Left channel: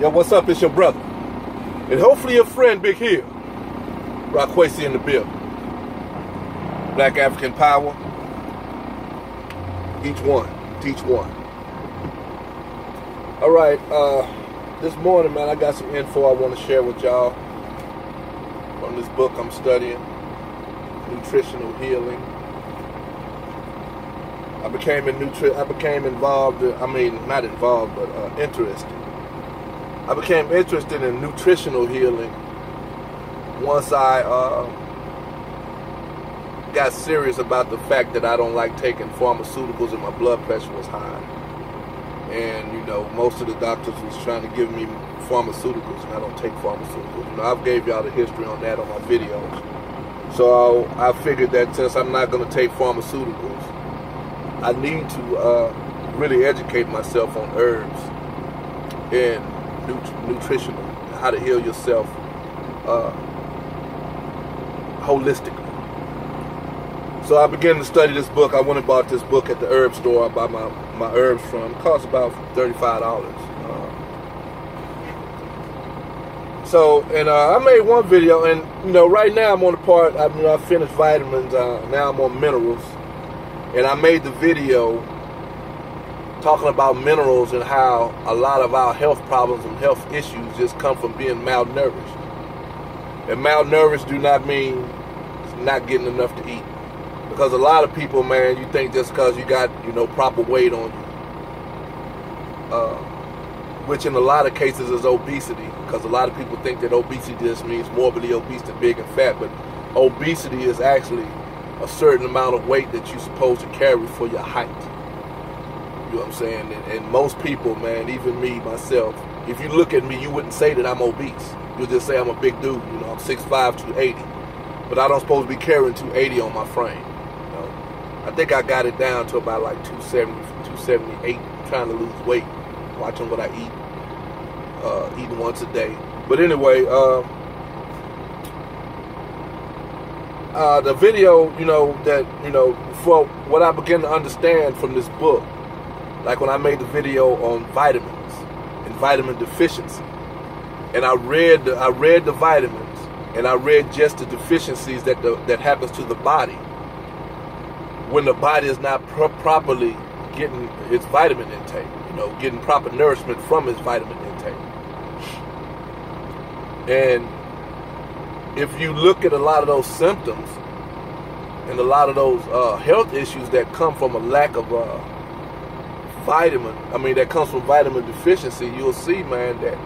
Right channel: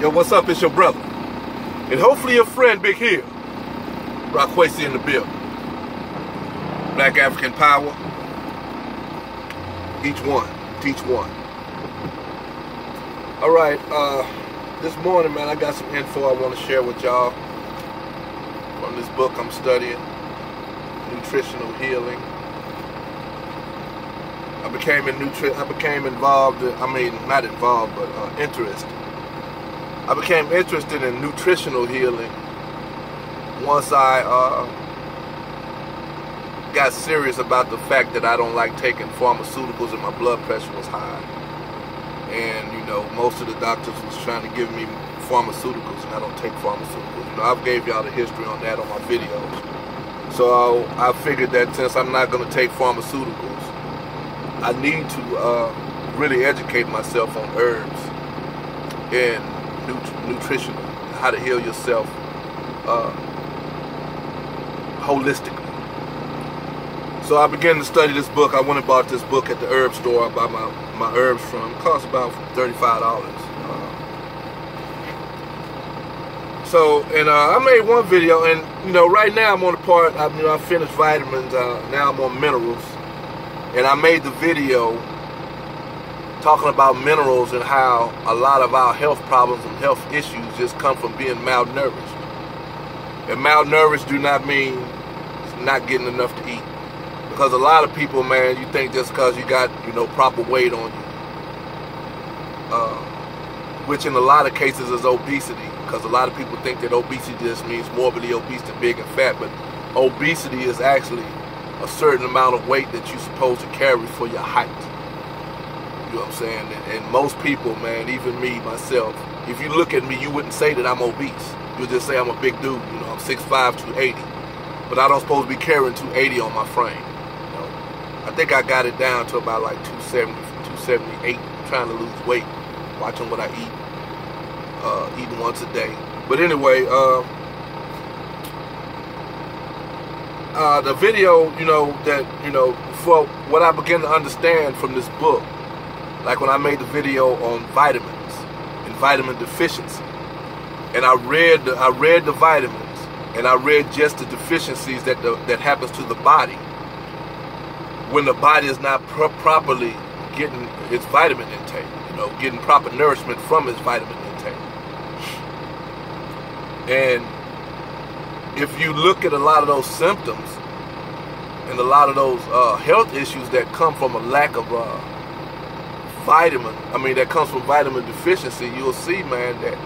Yo, what's up? It's your brother. And hopefully your friend, Big Hill. Rockwasty in the bill. Black African power. Each one. Teach one. Alright, this morning, man, I got some info I want to share with y'all from this book I'm studying, Nutritional Healing. I became involved, not involved, but interested. I became interested in nutritional healing once I got serious about the fact that I don't like taking pharmaceuticals and my blood pressure was high. And, you know, most of the doctors was trying to give me pharmaceuticals, and I don't take pharmaceuticals. You know, I've gave y'all the history on that on my videos. So I figured that since I'm not going to take pharmaceuticals, I need to really educate myself on herbs and nutrition, how to heal yourself holistically. So I began to study this book. I went and bought this book at the herb store I buy my herbs from. It costs about $35. I made one video, and you know, right now I'm on the part. I finished vitamins. Now I'm on minerals, and I made the video talking about minerals and how a lot of our health problems and health issues just come from being malnourished. And malnourished do not mean not getting enough to eat. Because a lot of people, man, you think just because you got, you know, proper weight on you, which in a lot of cases is obesity, because a lot of people think that obesity just means morbidly obese and big and fat, but obesity is actually a certain amount of weight that you're supposed to carry for your height. You know what I'm saying? And most people, man, even me, myself, if you look at me, you wouldn't say that I'm obese. You'll just say I'm a big dude. You know, I'm 6'5", 280. But I don't supposed to be carrying 280 on my frame. You know? I think I got it down to about like 270, 278, trying to lose weight, watching what I eat, eating once a day. But anyway, the video, for what I began to understand from this book, like when I made the video on vitamins and vitamin deficiency, and I read the vitamins, and I read just the deficiencies that happens to the body when the body is not properly getting its vitamin intake, you know, getting proper nourishment from its vitamin intake. And if you look at a lot of those symptoms and a lot of those health issues that come from a lack of that comes from vitamin deficiency, you'll see, man, that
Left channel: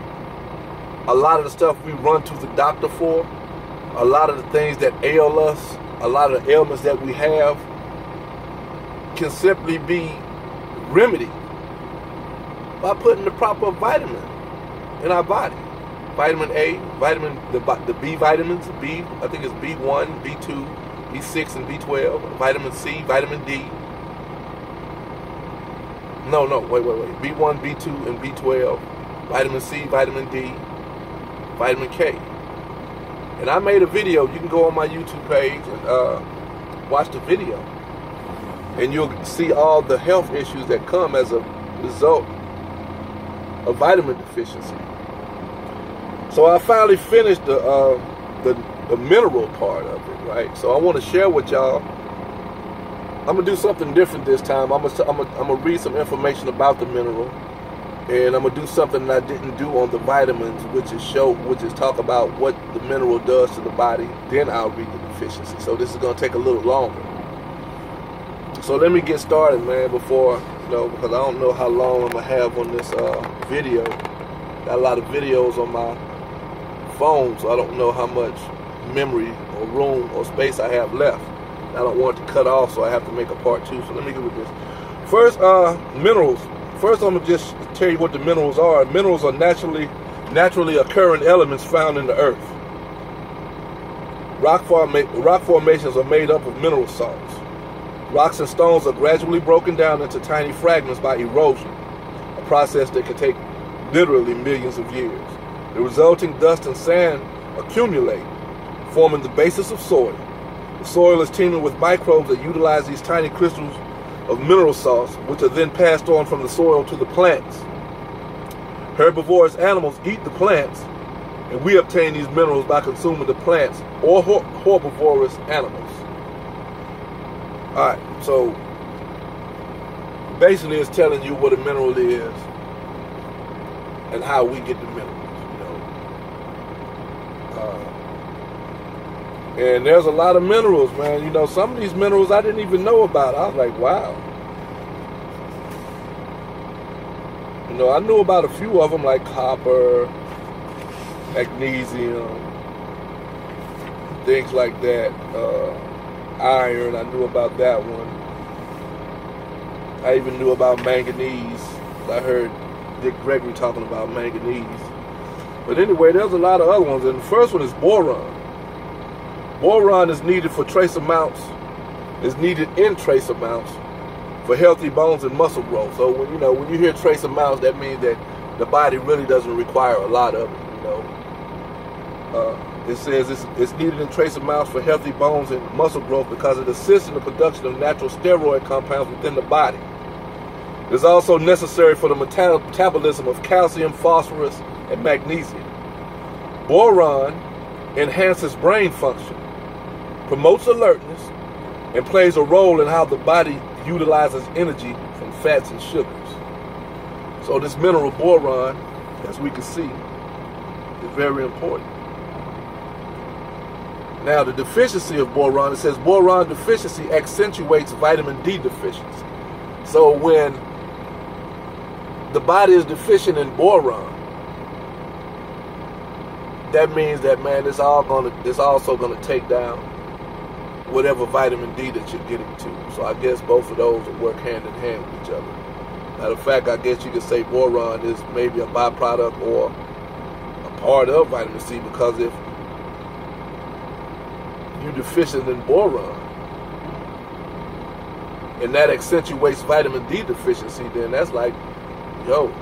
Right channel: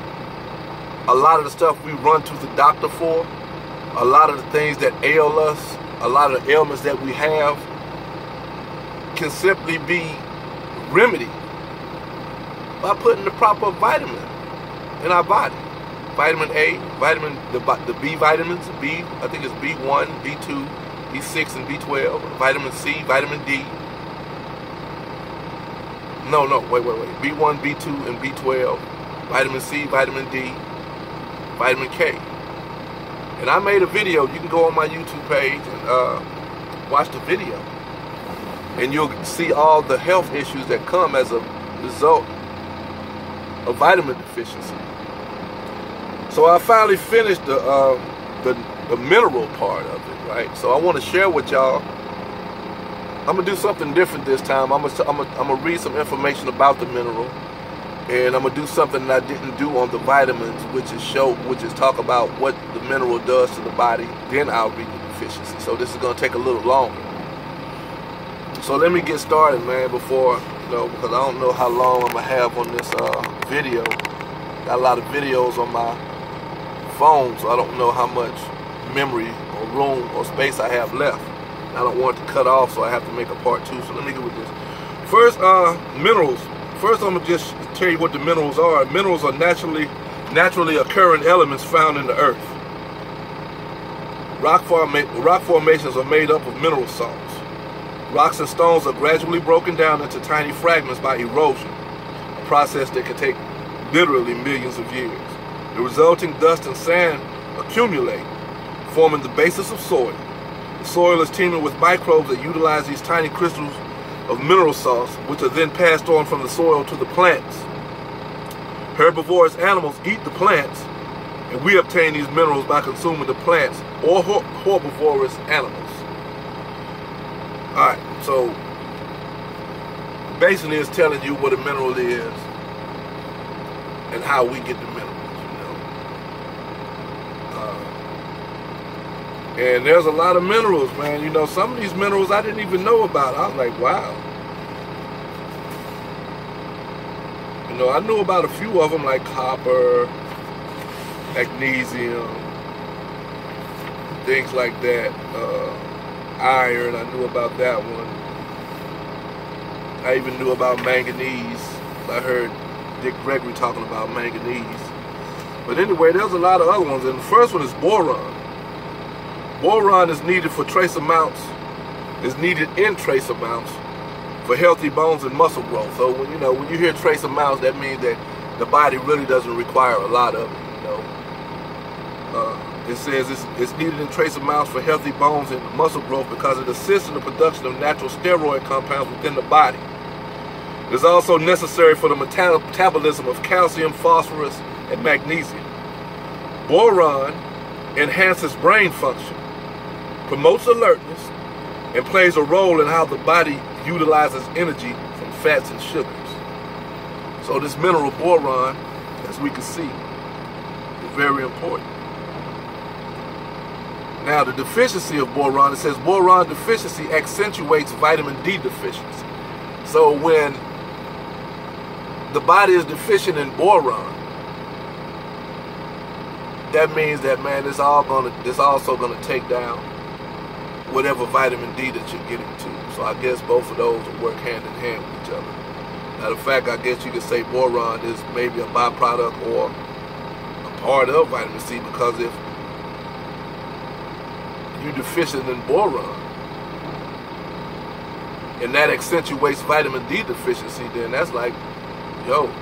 a lot of the stuff we run to the doctor for, a lot of the things that ail us, a lot of the ailments that we have can simply be remedied by putting the proper vitamin in our body. Vitamin A, the B vitamins, I think it's B1, B2, B6, and B12, vitamin C, vitamin D. No, wait. B1, B2, and B12, vitamin C, vitamin D, vitamin K. And I made a video. You can go on my YouTube page and watch the video. And you'll see all the health issues that come as a result of vitamin deficiency. So I finally finished the mineral part of it, right? So I want to share with y'all. I'm gonna do something different this time. I'm gonna read some information about the mineral, and I'm gonna do something that I didn't do on the vitamins, which is talk about what the mineral does to the body. Then I'll read the deficiency. So this is gonna take a little longer. So let me get started, man. Before because I don't know how long I'm gonna have on this video. Got a lot of videos on my phone, so I don't know how much memory or room or space I have left. I don't want it to cut off, so I have to make a part 2. So let me get with this. First, minerals. First, I'm gonna just tell you what the minerals are. Minerals are naturally occurring elements found in the earth. Rock formations are made up of mineral salts. Rocks and stones are gradually broken down into tiny fragments by erosion, a process that can take literally millions of years. The resulting dust and sand accumulate, forming the basis of soil. The soil is teeming with microbes that utilize these tiny crystals of mineral salts, which are then passed on from the soil to the plants. Herbivorous animals eat the plants, and we obtain these minerals by consuming the plants or herbivorous animals. All right, so basically it's telling you what a mineral is and how we get the minerals, you know. And there's a lot of minerals, man. You know, some of these minerals I didn't even know about. I was like, wow. You know, I knew about a few of them, like copper, magnesium, things like that. Iron, I knew about that one. I even knew about manganese. I heard Dick Gregory talking about manganese. But anyway, there's a lot of other ones. And the first one is boron. Boron is needed for trace amounts, is needed in trace amounts for healthy bones and muscle growth. So when you hear trace amounts, that means that the body really doesn't require a lot of it, you know. It says it's needed in trace amounts for healthy bones and muscle growth because it assists in the production of natural steroid compounds within the body. It is also necessary for the metabolism of calcium, phosphorus, and magnesium. Boron enhances brain function, promotes alertness, and plays a role in how the body utilizes energy from fats and sugars. So this mineral boron, as we can see, is very important. Now, the deficiency of boron, it says boron deficiency accentuates vitamin D deficiency. So when the body is deficient in boron, that means that, man, it's also gonna take down whatever vitamin D that you're getting to. So I guess both of those will work hand in hand with each other. Now, the fact, I guess you could say boron is maybe a byproduct or a part of vitamin C, because if you're deficient in boron and that accentuates vitamin D deficiency, then that's like, yo,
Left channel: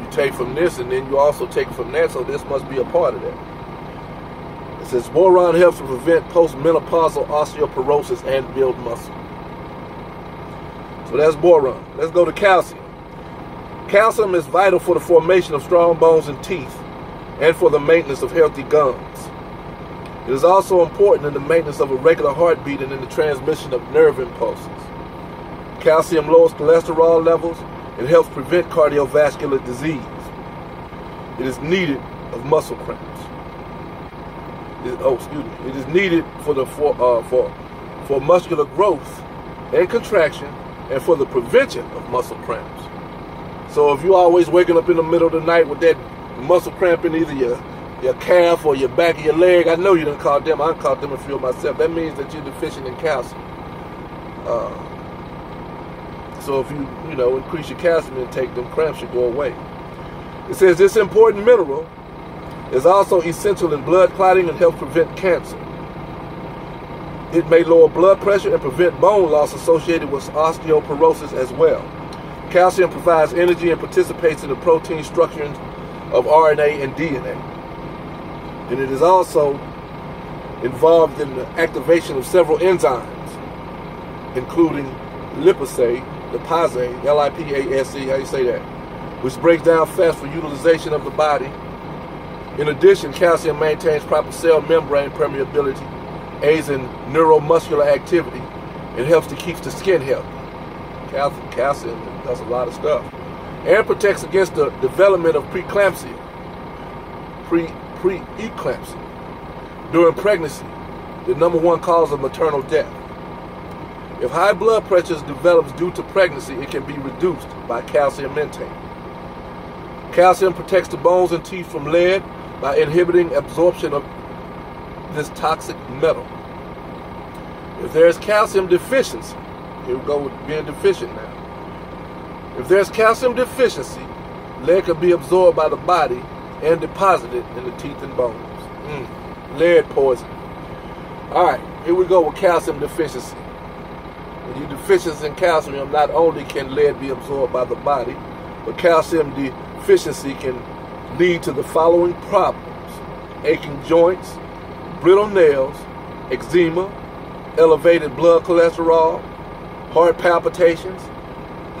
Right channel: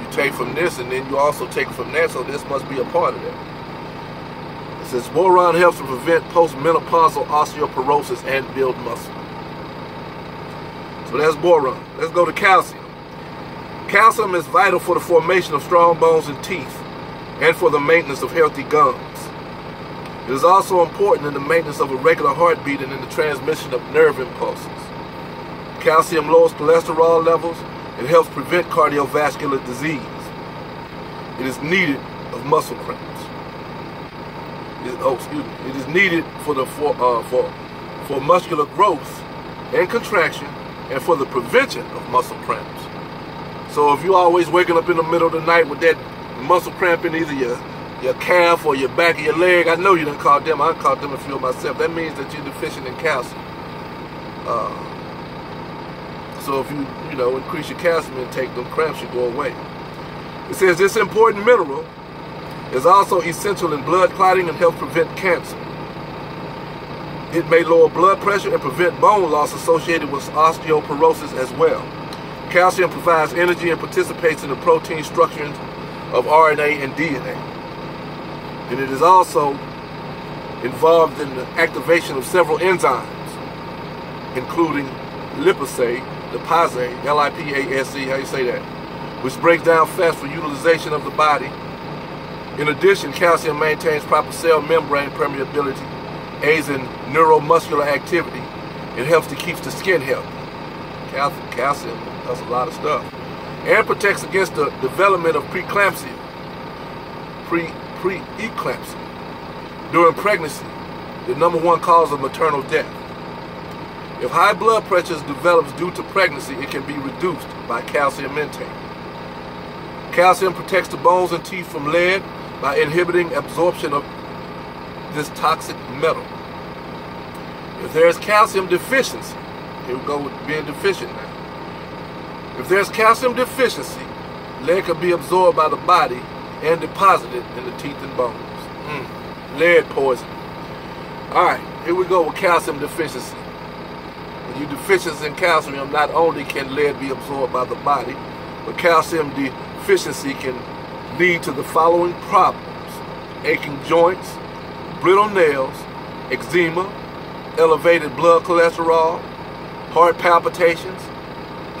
you take from this and then you also take from that, so this must be a part of that. It says boron helps to prevent postmenopausal osteoporosis and build muscle. So that's boron. Let's go to calcium. Calcium is vital for the formation of strong bones and teeth and for the maintenance of healthy gums. It is also important in the maintenance of a regular heartbeat and in the transmission of nerve impulses. Calcium lowers cholesterol levels and helps prevent cardiovascular disease. It is needed of muscle cramps. It is needed for muscular growth and contraction and for the prevention of muscle cramps. So if you're always waking up in the middle of the night with that muscle cramp in either your calf or your back of your leg, I know you didn't caught them. I caught them a few of myself. That means that you're deficient in calcium. So if you increase your calcium intake, them cramps should go away. It says this important mineral is also essential in blood clotting and helps prevent cancer. It may lower blood pressure and prevent bone loss associated with osteoporosis as well. Calcium provides energy and participates in the protein structuring of RNA and DNA. And it is also involved in the activation of several enzymes, including lipase, L-I-P-A-S-E, how you say that, which breaks down fats for utilization of the body. In addition, calcium maintains proper cell membrane permeability, aids in neuromuscular activity, and helps to keep the skin healthy. Calcium does a lot of stuff. And protects against the development of preeclampsia. Preeclampsia. During pregnancy, the #1 cause of maternal death. If high blood pressure develops due to pregnancy, it can be reduced by calcium intake. Calcium protects the bones and teeth from lead by inhibiting absorption of this toxic metal. If there is calcium deficiency, here we go with being deficient now. If there's calcium deficiency, lead can be absorbed by the body and deposited in the teeth and bones. Lead poisoning. All right, here we go with calcium deficiency. When you're deficient in calcium, not only can lead be absorbed by the body, but calcium deficiency can lead to the following problems: aching joints, brittle nails, eczema, elevated blood cholesterol, heart palpitations,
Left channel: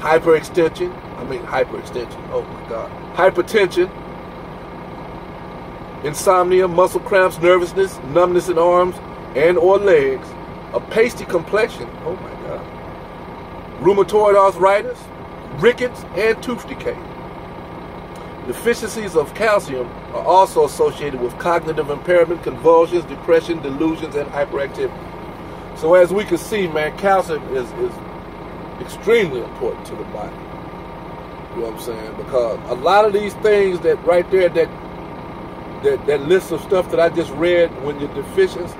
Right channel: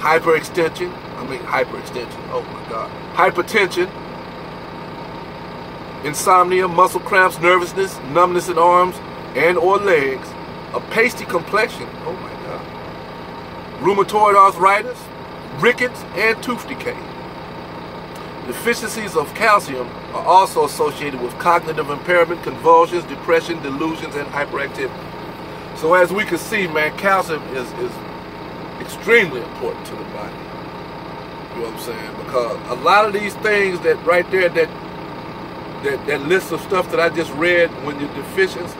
hyperextension, hyperextension. Oh my God. Hypertension, insomnia, muscle cramps, nervousness, numbness in arms and or legs, a pasty complexion. Oh my God. Rheumatoid arthritis, rickets, and tooth decay. Deficiencies of calcium are also associated with cognitive impairment, convulsions, depression, delusions, and hyperactivity. So as we can see, man, calcium is extremely important to the body. You know what I'm saying? Because a lot of these things that right there, that list of stuff that I just read when you're deficient,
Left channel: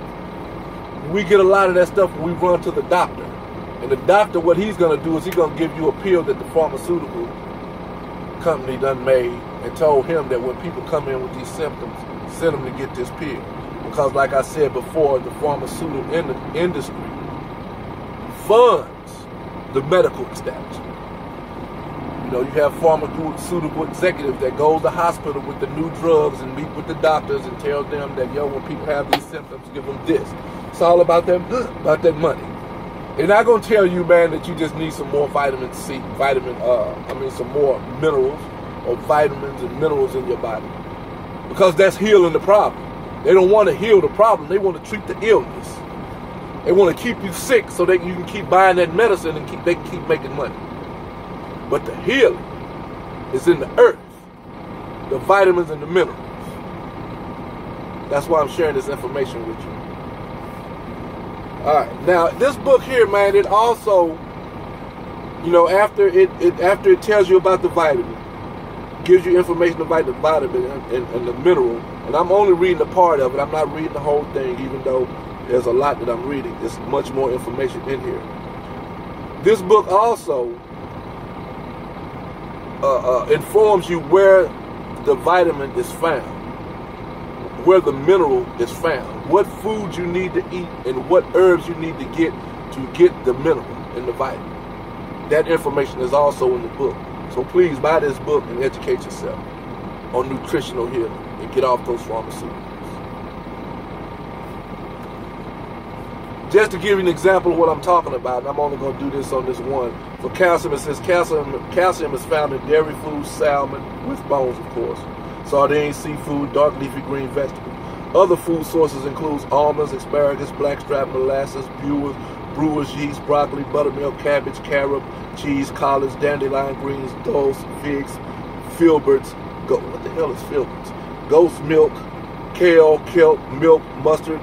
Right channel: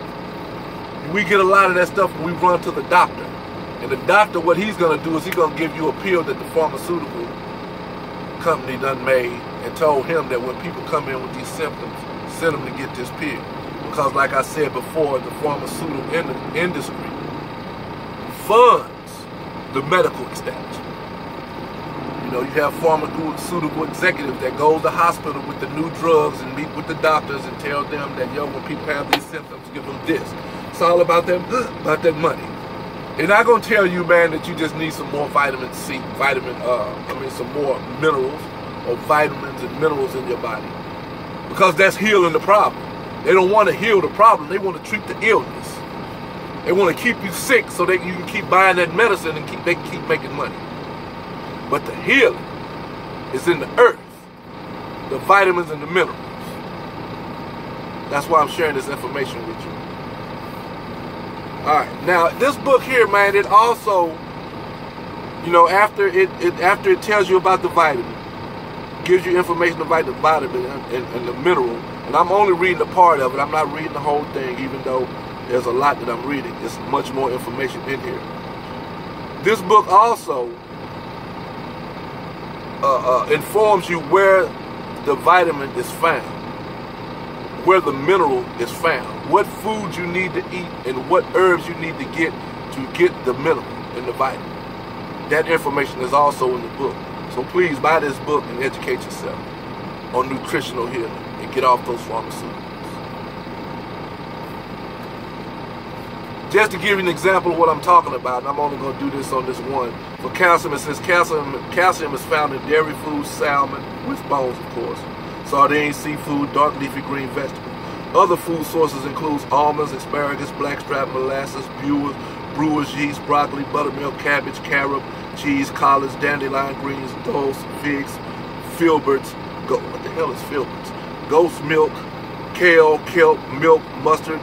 we get a lot of that stuff when we run to the doctor. And the doctor, what he's going to do is he's going to give you a pill that the pharmaceutical company done made and told him that when people come in with these symptoms, send them to get this pill. Because like I said before, the pharmaceutical industry funds the medical establishment. You know, you have pharmaceutical executives that go to the hospital with the new drugs and meet with the doctors and tell them that, yo, when people have these symptoms, give them this. It's all about them, about that money. They're not going to tell you, man, that you just need some more vitamin C, some more minerals or vitamins and minerals in your body. Because that's healing the problem. They don't want to heal the problem. They want to treat the illness. They want to keep you sick so that you can keep buying that medicine and they can keep making money. But the healing is in the earth, the vitamins and the minerals. That's why I'm sharing this information with you. All right, now this book here, man, it also, you know, after it tells you about the vitamin, gives you information about the vitamin and the mineral, and I'm only reading a part of it. I'm not reading the whole thing, even though there's a lot that I'm reading. There's much more information in here. This book also informs you where the vitamin is found, where the mineral is found, what food you need to eat, and what herbs you need to get the mineral and the vitamin. That information is also in the book. So please buy this book and educate yourself on nutritional healing and get off those pharmaceuticals. Just to give you an example of what I'm talking about, and I'm only going to do this on this one. For calcium, it says calcium is found in dairy foods, salmon, with bones, of course, sardines, seafood, dark leafy green vegetables. Other food sources include almonds, asparagus, blackstrap, molasses, brewer's yeast, broccoli, buttermilk, cabbage, carob, cheese, collards, dandelion greens, dulse, figs, filberts. What the hell is filberts? Goat's milk, kale, kelp, milk, mustard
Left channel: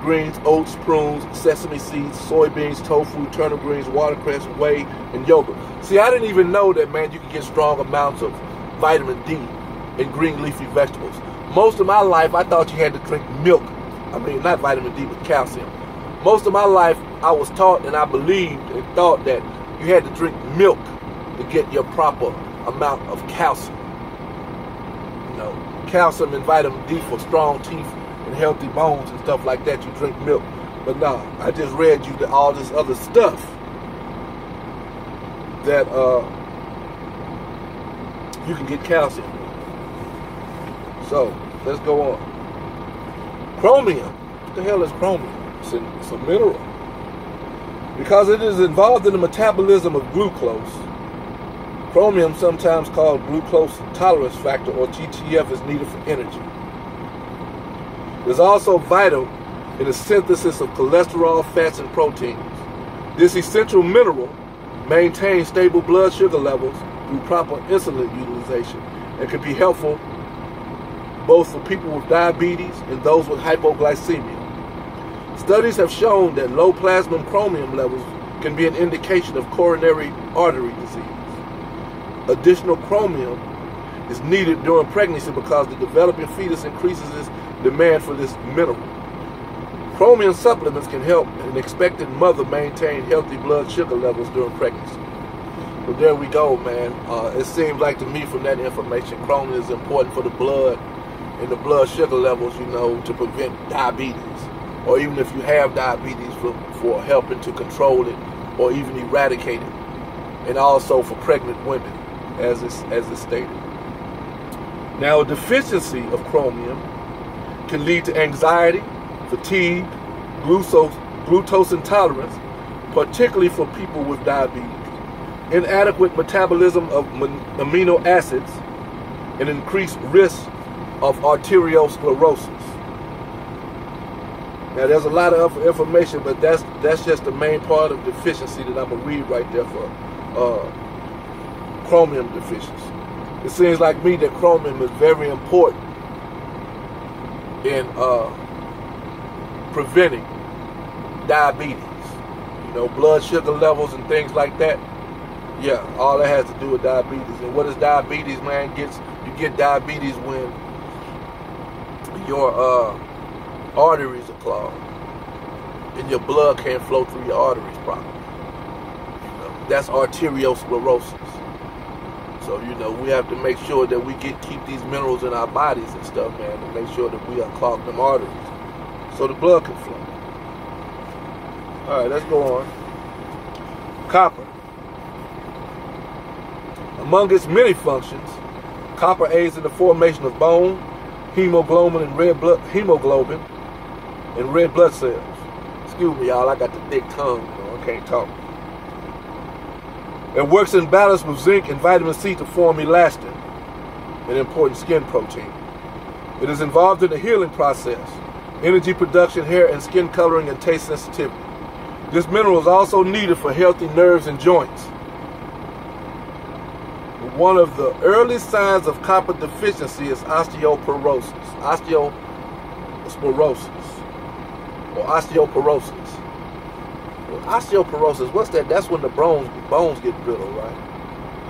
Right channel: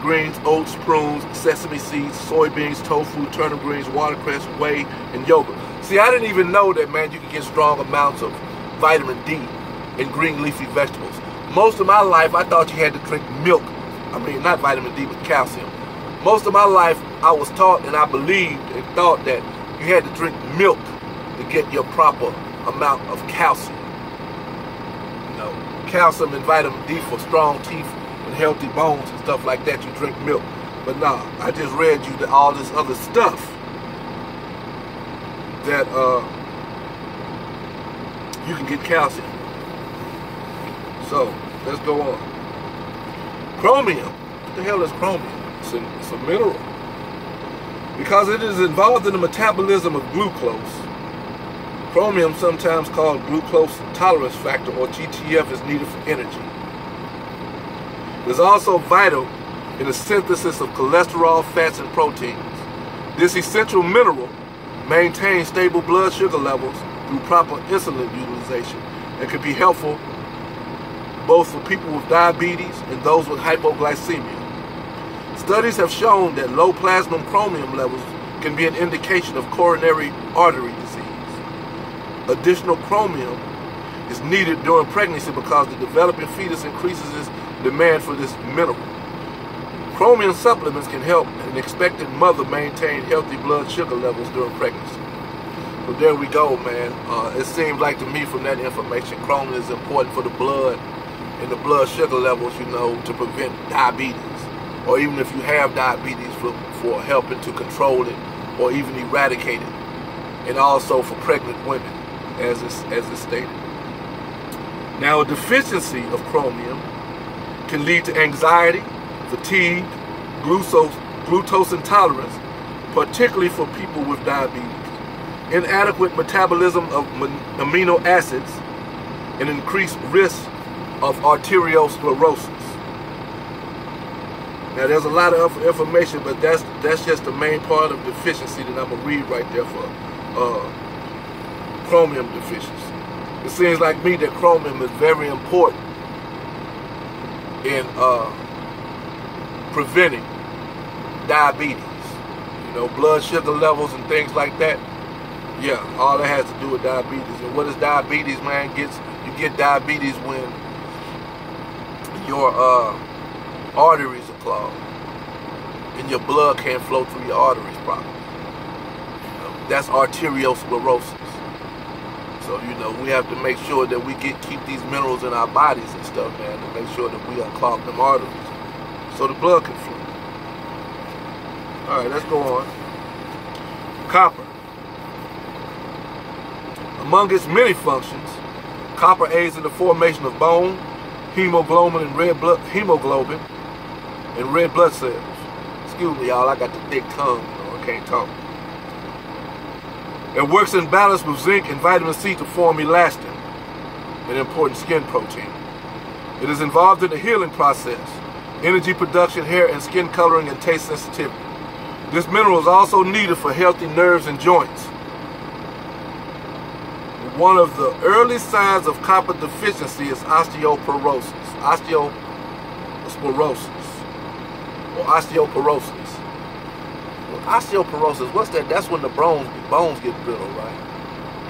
greens, oats, prunes, sesame seeds, soybeans, tofu, turnip greens, watercress, whey, and yogurt. See, I didn't even know that, man, you can get strong amounts of vitamin D in green leafy vegetables. Most of my life, I thought you had to drink milk. I mean, not vitamin D, but calcium. Most of my life, I was taught and I believed and thought that you had to drink milk to get your proper amount of calcium. You know, calcium and vitamin D for strong teeth and healthy bones and stuff like that, you drink milk. But nah, I just read you that all this other stuff that you can get calcium. So, let's go on. Chromium. What the hell is chromium? It's a mineral. Because it is involved in the metabolism of glucose. Chromium, sometimes called glucose tolerance factor, or GTF, is needed for energy. It is also vital in the synthesis of cholesterol, fats, and proteins. This essential mineral maintains stable blood sugar levels through proper insulin utilization and can be helpful both for people with diabetes and those with hypoglycemia. Studies have shown that low plasma chromium levels can be an indication of coronary artery disease. Additional chromium is needed during pregnancy because the developing fetus increases its demand for this mineral. Chromium supplements can help an expectant mother maintain healthy blood sugar levels during pregnancy. So there we go, man. It seems like to me from that information, chromium is important for the blood and the blood sugar levels, you know, to prevent diabetes. Or even if you have diabetes, for helping to control it or even eradicate it. And also for pregnant women, as it's stated. Now, a deficiency of chromium can lead to anxiety, fatigue, glucose intolerance, particularly for people with diabetes. inadequate metabolism of amino acids, and increased risk of arteriosclerosis. Now, there's a lot of information, but that's just the main part of deficiency that I'm going to read right there for chromium deficiency. It seems like me that chromium is very important in preventing diabetes. You know, blood sugar levels and things like that. Yeah, all that has to do with diabetes. And what is diabetes, man? You get diabetes when your arteries are clogged and your blood can't flow through your arteries properly. You know, that's arteriosclerosis. So, you know, we have to make sure that we keep these minerals in our bodies and stuff, man, to make sure that we unclog them arteries so the blood can flow. All right, let's go on. Copper. Among its many functions, copper aids in the formation of bone, hemoglobin, and red blood cells. Excuse me, y'all, I got the thick tongue, you know, I can't talk. It works in balance with zinc and vitamin C to form elastin, an important skin protein. It is involved in the healing process, energy production, hair and skin coloring, and taste sensitivity. This mineral is also needed for healthy nerves and joints. One of the early signs of copper deficiency is osteoporosis. Well, osteoporosis, what's that? That's when the bones get brittle, right?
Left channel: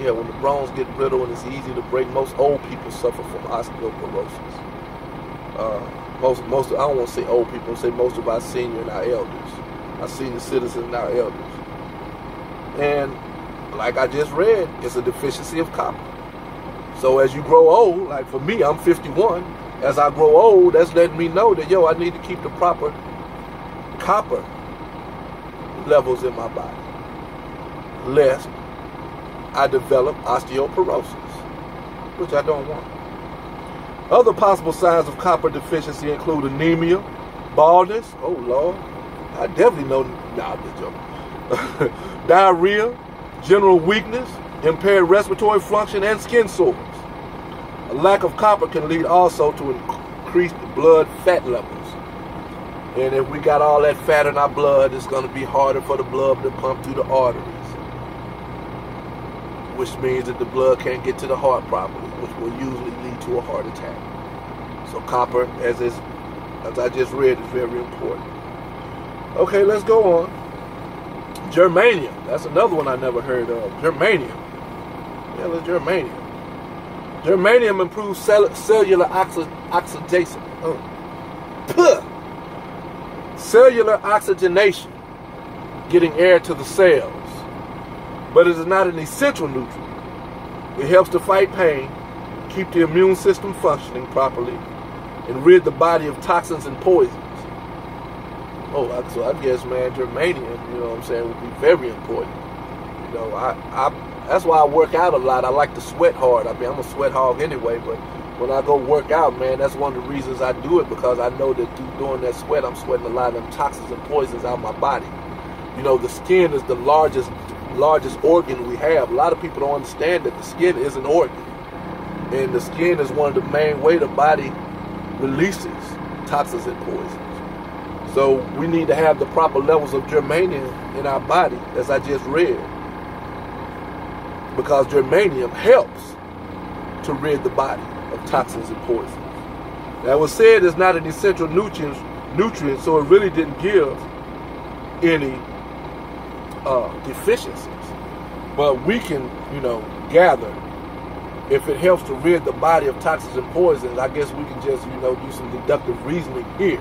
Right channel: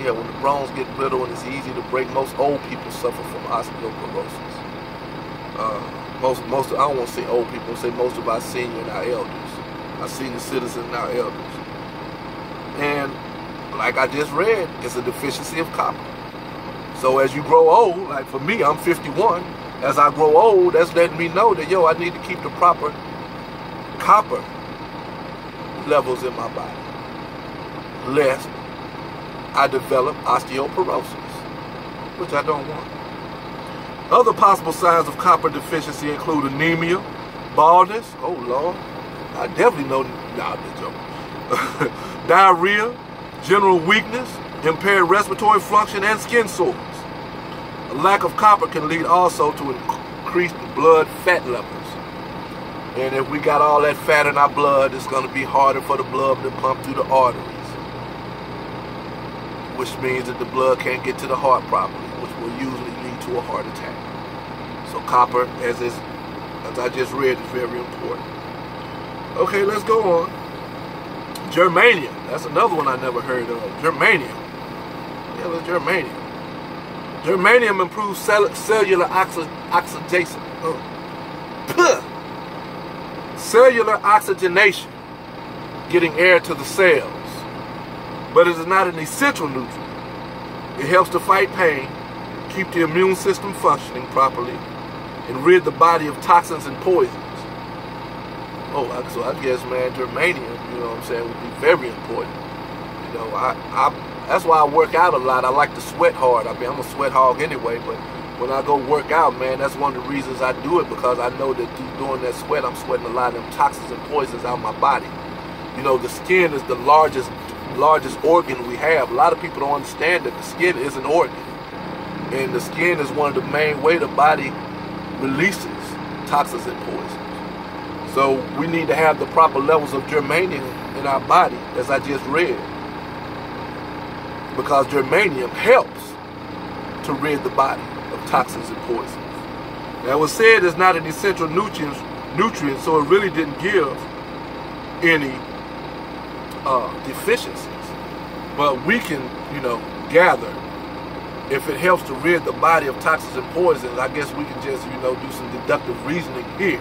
Yeah, when the bones get brittle and it's easy to break. Most old people suffer from osteoporosis. Most I don't want to say old people, I say most of our senior and our elders. Our senior citizens and our elders. And like I just read, it's a deficiency of copper. So as you grow old, like for me, I'm 51. As I grow old, that's letting me know that, yo, I need to keep the proper copper levels in my body, lest I develop osteoporosis, which I don't want. Other possible signs of copper deficiency include anemia, baldness, oh Lord, I definitely know, nah, this joke. Diarrhea, general weakness, impaired respiratory function, and skin sores. A lack of copper can lead also to increased blood fat levels. And if we got all that fat in our blood, it's going to be harder for the blood to pump through the arteries, which means that the blood can't get to the heart properly, which will usually lead to a heart attack. So copper, as I just read, is very important. Okay, let's go on. Germanium. That's another one I never heard of. Germanium. Yeah, that's germanium. Germanium improves cellular oxidation. Cellular oxygenation, getting air to the cells. But it is not an essential nutrient. It helps to fight pain, keep the immune system functioning properly, and rid the body of toxins and poisons. Oh, so I guess, man, germanium, you know what I'm saying, would be very important. You know, that's why I work out a lot. I like to sweat hard. I mean, I'm a sweat hog anyway, but when I go work out, man, that's one of the reasons I do it, because I know that doing that sweat, I'm sweating a lot of them toxins and poisons out of my body. You know, the skin is the largest organ we have. A lot of people don't understand that the skin is an organ. And the skin is one of the main ways the body releases toxins and poisons. So we need to have the proper levels of germanium in our body, as I just read, because germanium helps to rid the body of toxins and poisons. Now, it was said it's not an essential nutrient, so it really didn't give any deficiencies. But we can, you know, gather if it helps to rid the body of toxins and poisons. I guess we can just, you know, do some deductive reasoning here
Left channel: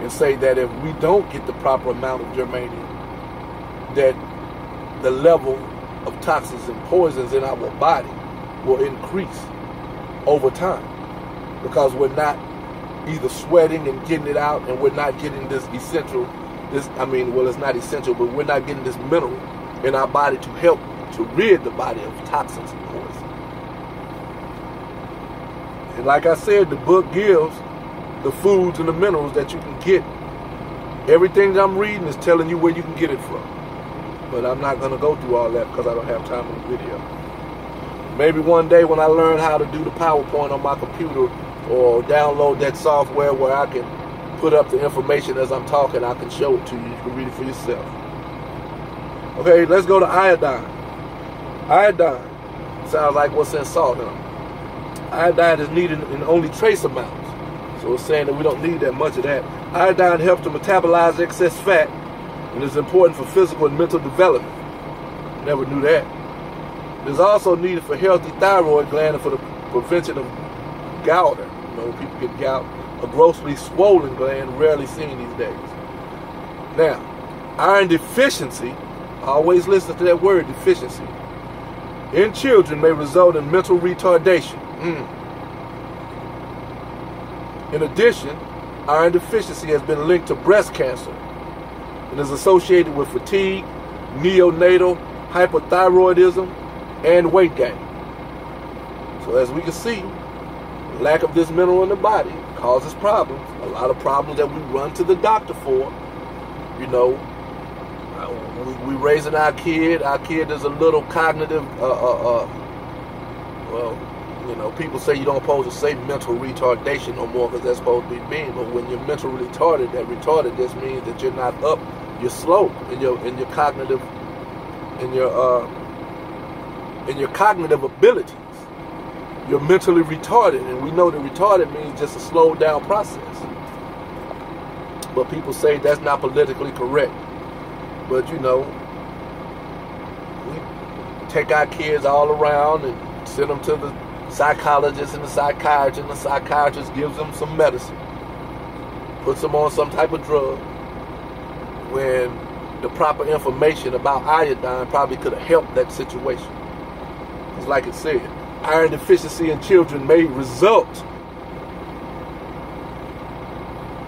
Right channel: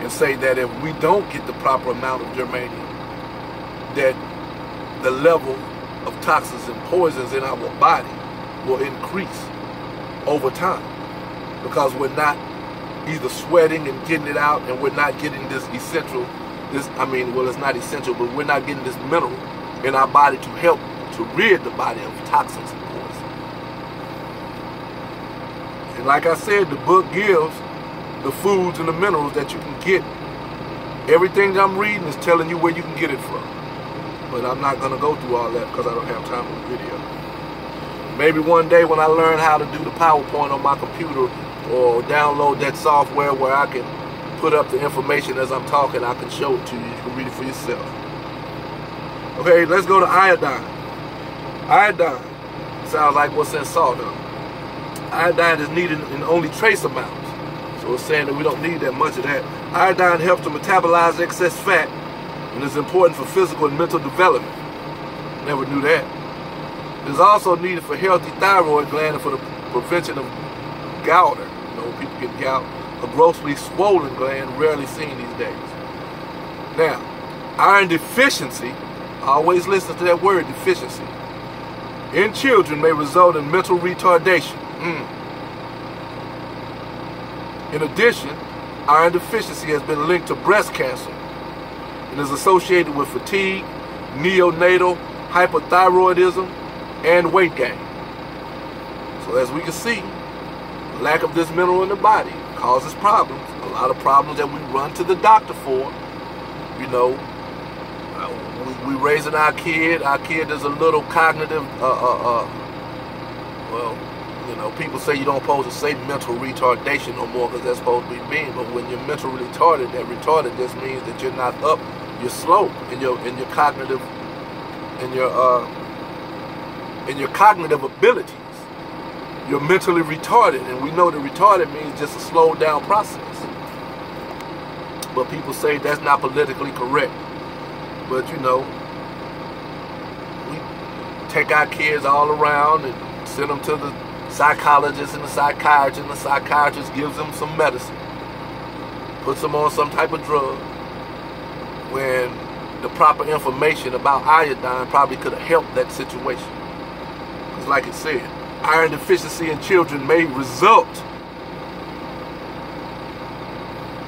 and say that if we don't get the proper amount of germanium, that the level of toxins and poisons in our body will increase over time, because we're not either sweating and getting it out, and we're not getting this essential, it's not essential, but we're not getting this mineral in our body to help to rid the body of toxins and poisons. And like I said, the book gives the foods and the minerals that you can get. Everything that I'm reading is telling you where you can get it from. But I'm not going to go through all that because I don't have time in the video. Maybe one day when I learn how to do the PowerPoint on my computer or download that software where I can put up the information as I'm talking, I can show it to you. You can read it for yourself. Okay, let's go to iodine. Iodine sounds like what's in salt, huh? Iodine is needed in only trace amounts. So it's saying that we don't need that much of that. Iodine helps to metabolize excess fat and is important for physical and mental development. Never knew that. It is also needed for healthy thyroid gland and for the prevention of goiter. You know, people get gout. A grossly swollen gland, rarely seen these days. Now, iron deficiency, always listen to that word, deficiency, in children may result in mental retardation. In addition, iron deficiency has been linked to breast cancer and is associated with fatigue, neonatal hypothyroidism, and weight gain. So as we can see, lack of this mineral in the body causes problems. A lot of problems that we run to the doctor for. You know, we raising our kid is a little cognitive, well, you know, people say you don't supposed to say mental retardation no more because that's supposed to be mean. But when you're mentally retarded, that retarded just means that you're not up, you're slow in your cognitive, in your cognitive abilities. You're mentally retarded, and we know that retarded means just a slowed down process. But people say that's not politically correct. But you know, we take our kids all around and send them to the psychologist and the psychiatrist gives them some medicine, puts them on some type of drug, when the proper information about iodine probably could have helped that situation. Because like it said, iron deficiency in children may result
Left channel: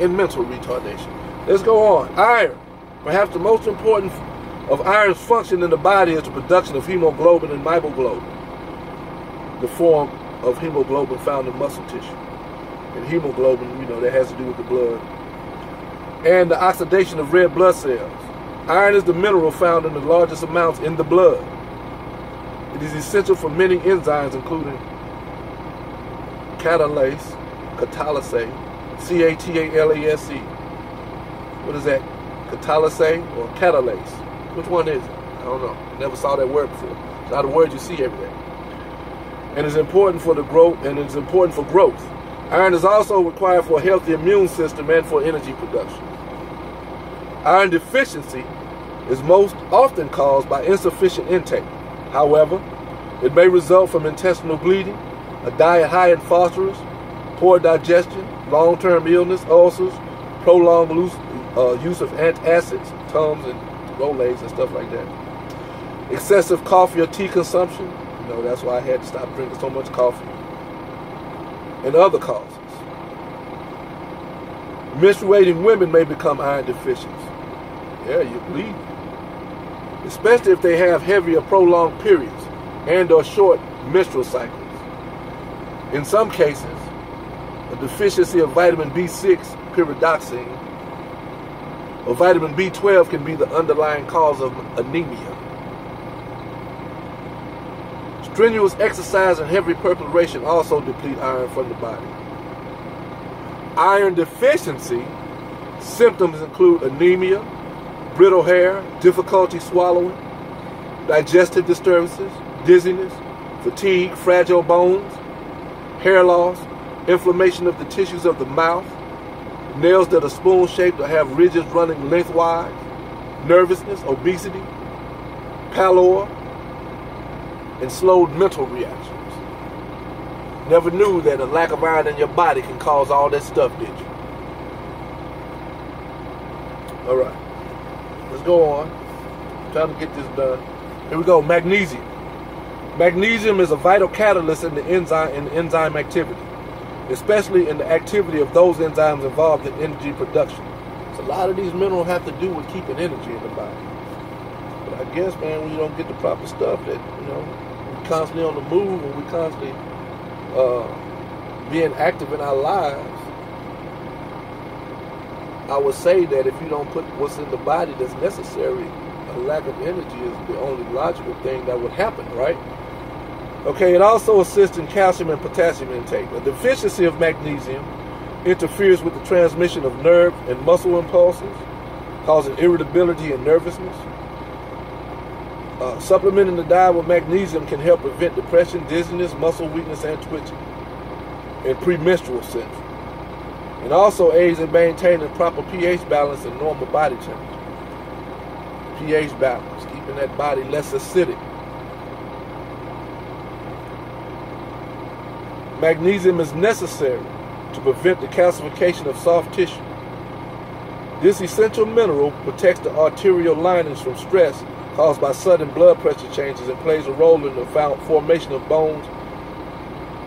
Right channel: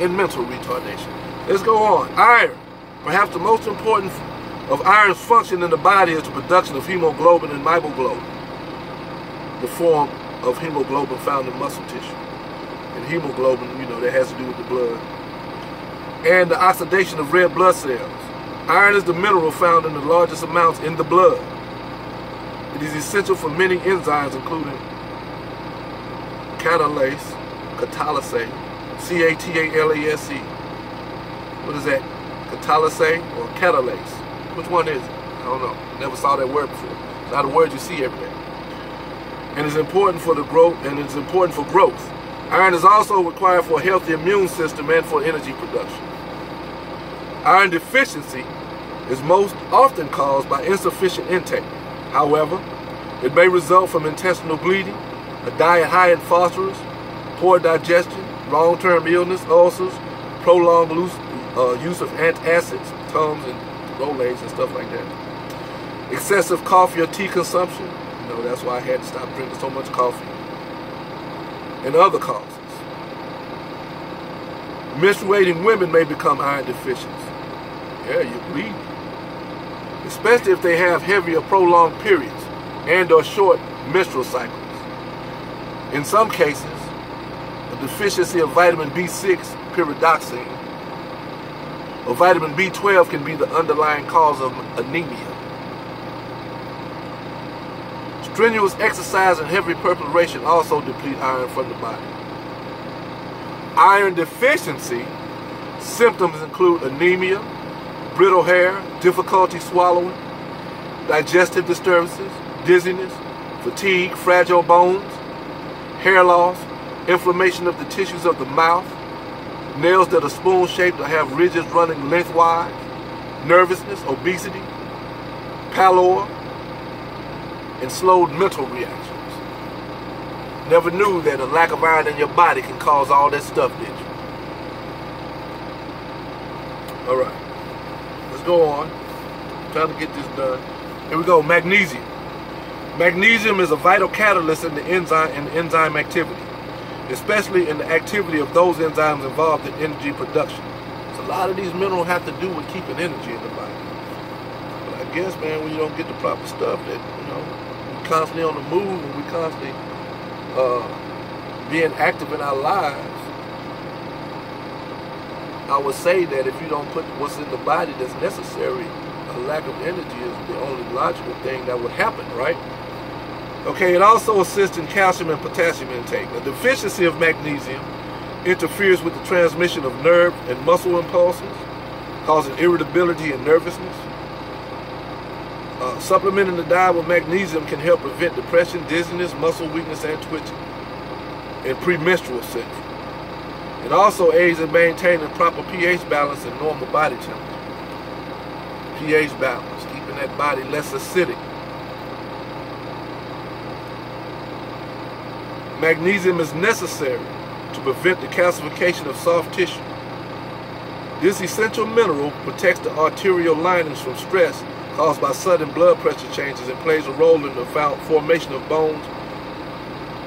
in mental retardation. Let's go on. Iron. Perhaps the most important of iron's function in the body is the production of hemoglobin and myoglobin, the form of hemoglobin found in muscle tissue. And hemoglobin, you know, that has to do with the blood. And the oxidation of red blood cells. Iron is the mineral found in the largest amounts in the blood. It is essential for many enzymes, including catalase, C-A-T-A-L-A-S-E. What is that? Catalase or catalase? Which one is it? I don't know. Never saw that word before. It's not a word you see every day. And it's important for the growth, and it's important for growth. Iron is also required for a healthy immune system and for energy production. Iron deficiency is most often caused by insufficient intake. However, it may result from intestinal bleeding, a diet high in phosphorus, poor digestion, long-term illness, ulcers, prolonged use of antacids, Tums and Rolaids and stuff like that. Excessive coffee or tea consumption, you know, that's why I had to stop drinking so much coffee. And other causes. Menstruating women may become iron deficient. Yeah, you bleed. Especially if they have heavy or prolonged periods and or short menstrual cycles. In some cases, a deficiency of vitamin B6, pyridoxine, or vitamin B12 can be the underlying cause of anemia. Strenuous exercise and heavy perspiration also deplete iron from the body. Iron deficiency symptoms include anemia, brittle hair, difficulty swallowing, digestive disturbances, dizziness, fatigue, fragile bones, hair loss, inflammation of the tissues of the mouth, nails that are spoon-shaped or have ridges running lengthwise, nervousness, obesity, pallor, and slowed mental reactions. Never knew that a lack of iron in your body can cause all that stuff, did you? All right. Let's go on. Trying to get this done. Here we go. Magnesium. Magnesium is a vital catalyst in the enzyme activity, especially in the activity of those enzymes involved in energy production. So a lot of these minerals have to do with keeping energy in the body. But I guess, man, when you don't get the proper stuff, that, you know, we're constantly on the move and we're constantly being active in our lives. I would say that if you don't put what's in the body that's necessary a lack of energy is the only logical thing that would happen, right? Okay, it also assists in calcium and potassium intake. A deficiency of magnesium interferes with the transmission of nerve and muscle impulses, causing irritability and nervousness. Supplementing the diet with magnesium can help prevent depression, dizziness, muscle weakness, and twitching, and premenstrual syndrome. It also aids in maintaining proper pH balance and normal body temperature. pH balance, keeping that body less acidic. Magnesium is necessary to prevent the calcification of soft tissue. This essential mineral protects the arterial linings from stress caused by sudden blood pressure changes and plays a role in the formation of bones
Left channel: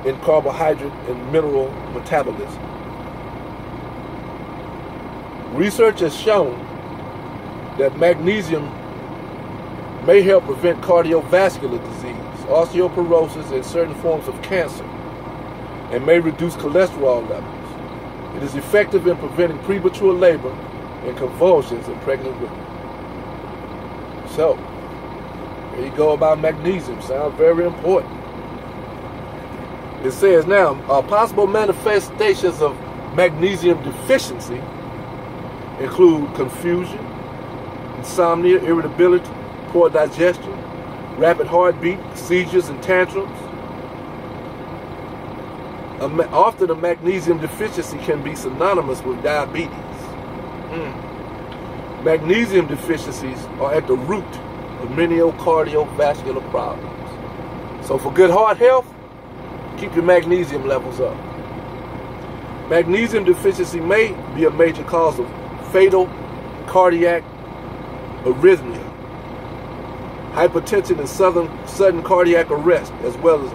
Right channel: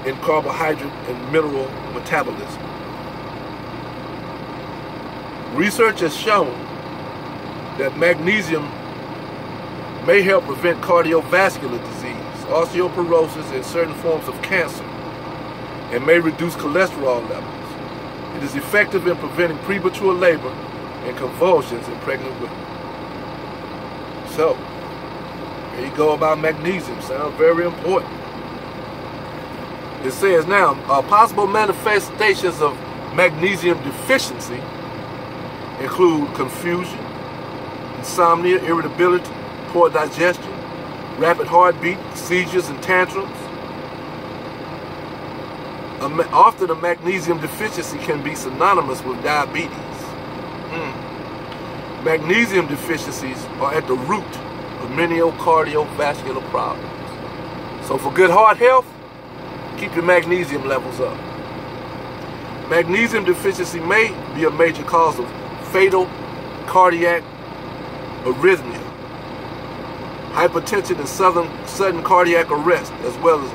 in carbohydrate and mineral metabolism. Research has shown that magnesium may help prevent cardiovascular disease, osteoporosis, and certain forms of cancer, and may reduce cholesterol levels. It is effective in preventing premature labor and convulsions in pregnant women. So, there you go about magnesium. Sounds very important. It says now, possible manifestations of magnesium deficiency include confusion, insomnia, irritability, poor digestion, rapid heartbeat, seizures, and tantrums. Often a magnesium deficiency can be synonymous with diabetes. Magnesium deficiencies are at the root of many cardiovascular problems. So for good heart health, keep your magnesium levels up. Magnesium deficiency may be a major cause of fatal cardiac arrhythmia, hypertension, and sudden cardiac arrest, as well as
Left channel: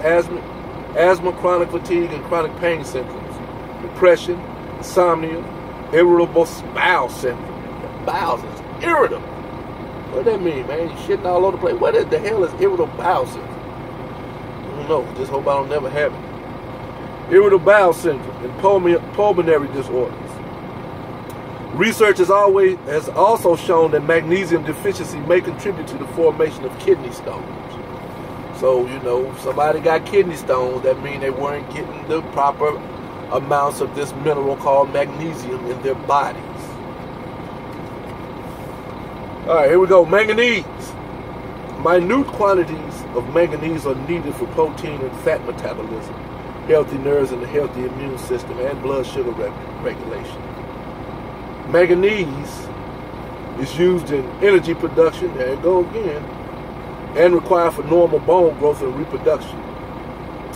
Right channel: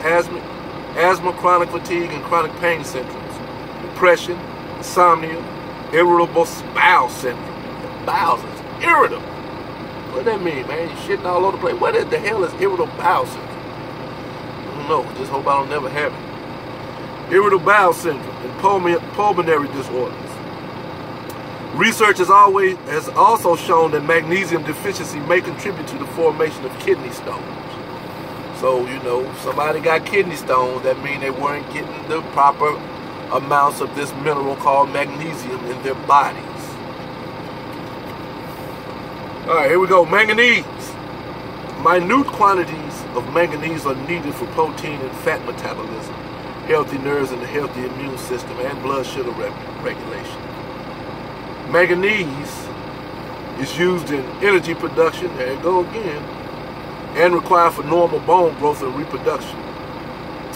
asthma, chronic fatigue, and chronic pain syndromes, depression, insomnia, irritable bowel syndrome. The bowels is irritable. What does that mean, man? You shitting all over the place. What the hell is irritable bowel syndrome? I don't know. Just hope I don't never have it. Irritable bowel syndrome and pulmonary disorders. Research has also shown that magnesium deficiency may contribute to the formation of kidney stones. So, you know, somebody got kidney stones, that means they weren't getting the proper amounts of this mineral called magnesium in their bodies. All right, here we go. Manganese. Minute quantities of manganese are needed for protein and fat metabolism, healthy nerves, and a healthy immune system, and blood sugar regulation. Manganese is used in energy production, there you go again, and required for normal bone growth and reproduction.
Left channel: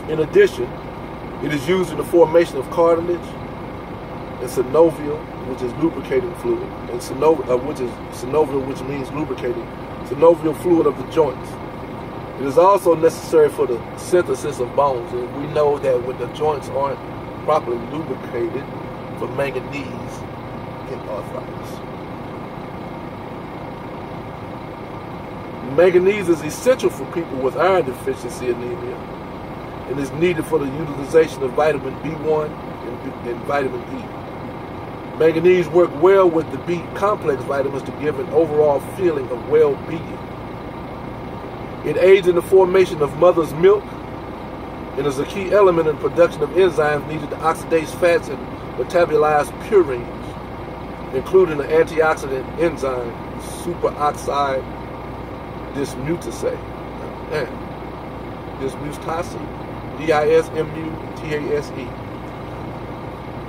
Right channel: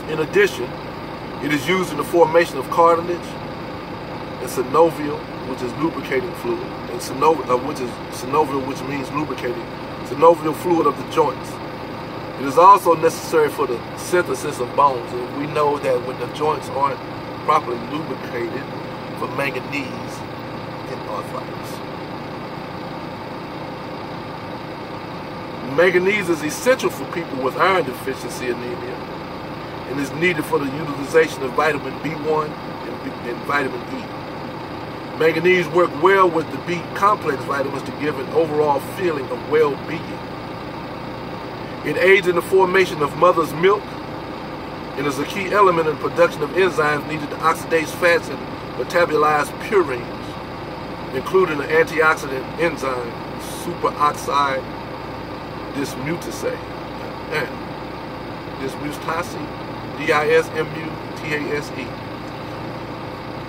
In addition, it is used in the formation of cartilage and synovial, which is lubricating fluid, and synovial, which means lubricating, synovial fluid of the joints. It is also necessary for the synthesis of bones, and we know that when the joints aren't properly lubricated, for manganese in arthritis. Manganese is essential for people with iron deficiency anemia and is needed for the utilization of vitamin B1 and vitamin E. Manganese works well with the B complex vitamins to give an overall feeling of well-being. It aids in the formation of mother's milk and is a key element in production of enzymes needed to oxidize fats and metabolize purines, including the antioxidant enzyme superoxide dismutase, dismutase.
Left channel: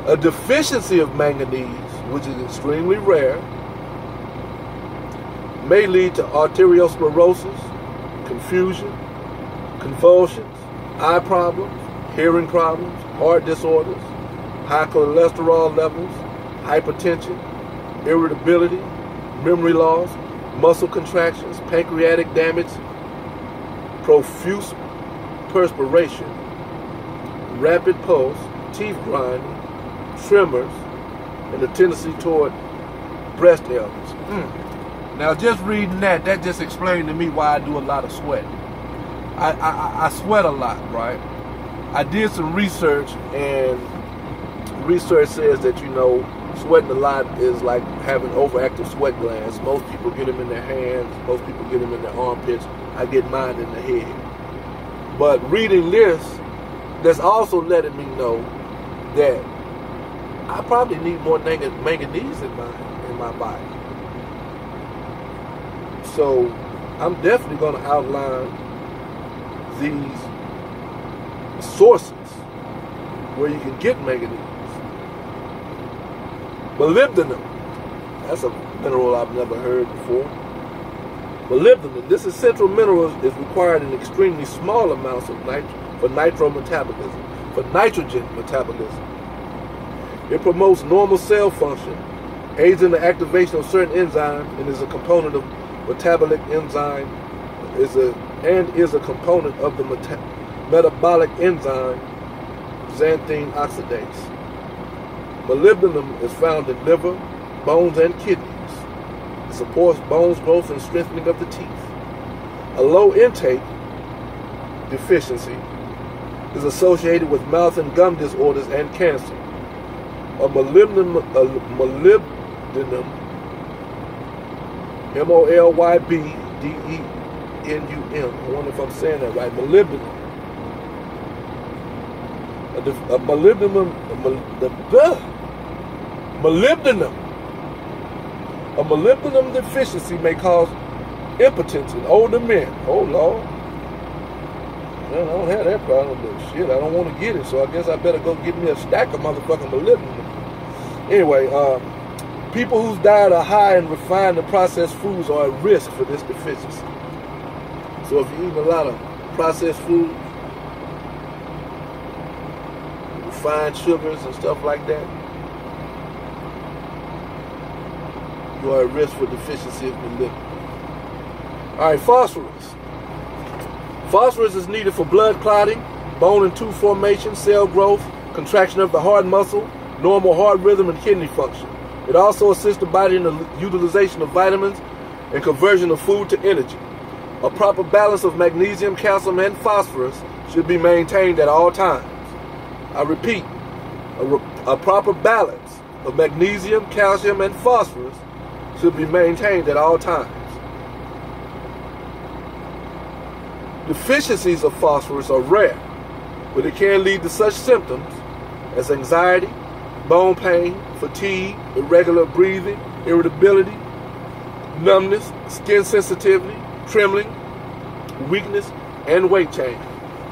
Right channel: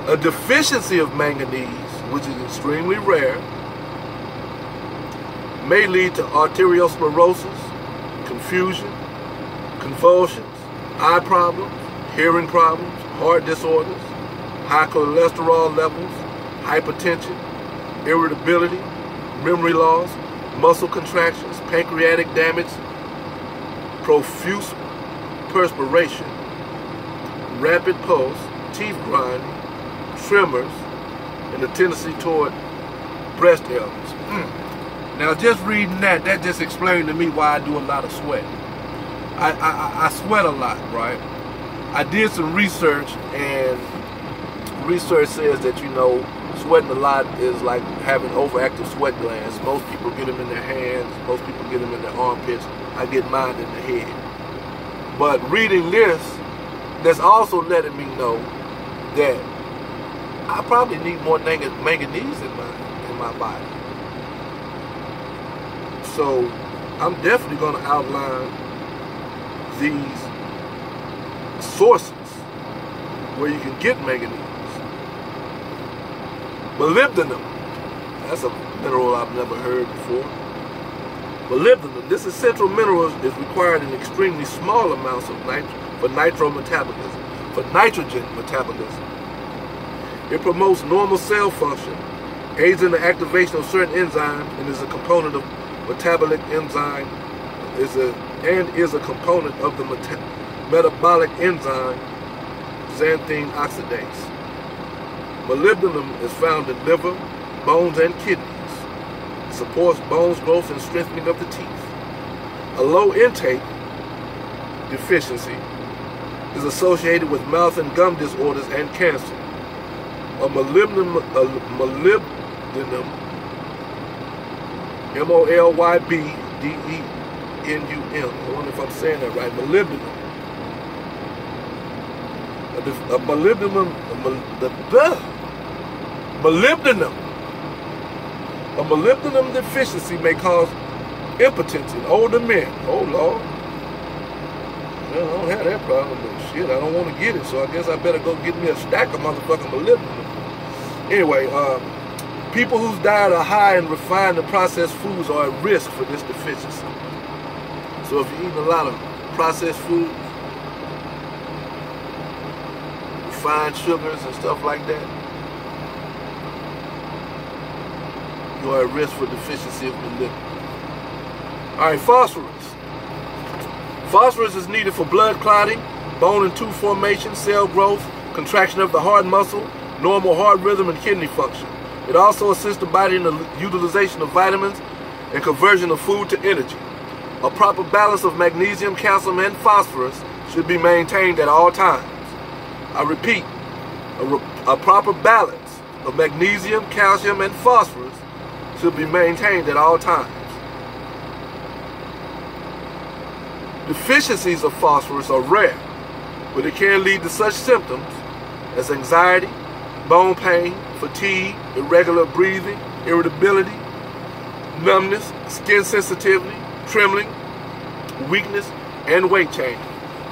A deficiency of manganese, which is extremely rare, may lead to arteriosclerosis, confusion, convulsions, eye problems, hearing problems, heart disorders, high cholesterol levels, hypertension, irritability, memory loss, muscle contractions, pancreatic damage, profuse perspiration, rapid pulse, teeth grinding, tremors, and a tendency toward breast ailments. Now, just reading that just explained to me why I do a lot of sweating. I sweat a lot, right? I did some research, and research says that, you know, sweating a lot is like having overactive sweat glands. Most people get them in their hands. Most people get them in their armpits. I get mine in the head. But reading this, that's also letting me know that I probably need more manganese in my body. So I'm definitely going to outline these sources where you can get manganese. Molybdenum, that's a mineral I've never heard before. Molybdenum, this essential mineral is required in extremely small amounts of for nitrogen metabolism. It promotes normal cell function, aids in the activation of certain enzymes, and is a component of metabolic enzyme, is a component of the metabolic enzyme xanthine oxidase. Molybdenum is found in liver, bones, and kidneys. It supports bones growth and strengthening of the teeth. A low intake deficiency is associated with mouth and gum disorders and cancer. A molybdenum, M-O-L-Y-B-D-E-N-U-M. I wonder if I'm saying that right. Molybdenum. A molybdenum deficiency may cause impotence in older men. Oh Lord. Man, I don't have that problem, but shit, I don't want to get it, so I guess I better go get me a stack of motherfucking molybdenum. Anyway, people whose diet are high in refined and processed foods are at risk for this deficiency. So if you eat a lot of processed foods, refined sugars and stuff like that, you are at risk for deficiency of molybdenum. All right, phosphorus. Phosphorus is needed for blood clotting, bone and tooth formation, cell growth, contraction of the heart muscle, normal heart rhythm, and kidney function. It also assists the body in the utilization of vitamins and conversion of food to energy. A proper balance of magnesium, calcium, and phosphorus should be maintained at all times. I repeat, a proper balance of magnesium, calcium, and phosphorus should be maintained at all times. Deficiencies of phosphorus are rare, but it can lead to such symptoms as anxiety, bone pain, fatigue, irregular breathing, irritability, numbness, skin sensitivity, trembling, weakness, and weight change.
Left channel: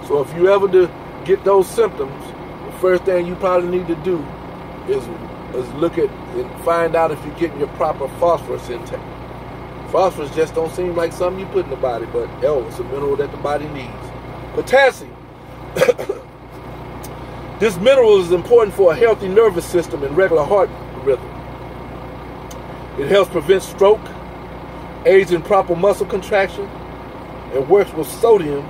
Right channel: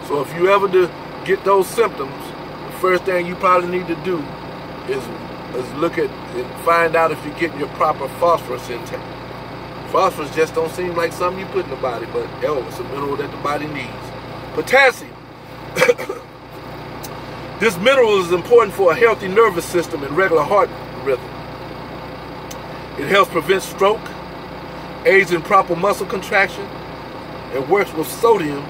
So if you ever get those symptoms, the first thing you probably need to do is look at and find out if you're getting your proper phosphorus intake. Phosphorus just don't seem like something you put in the body, but it's a mineral that the body needs. Potassium. This mineral is important for a healthy nervous system and regular heart rhythm. It helps prevent stroke, aids in proper muscle contraction, and works with sodium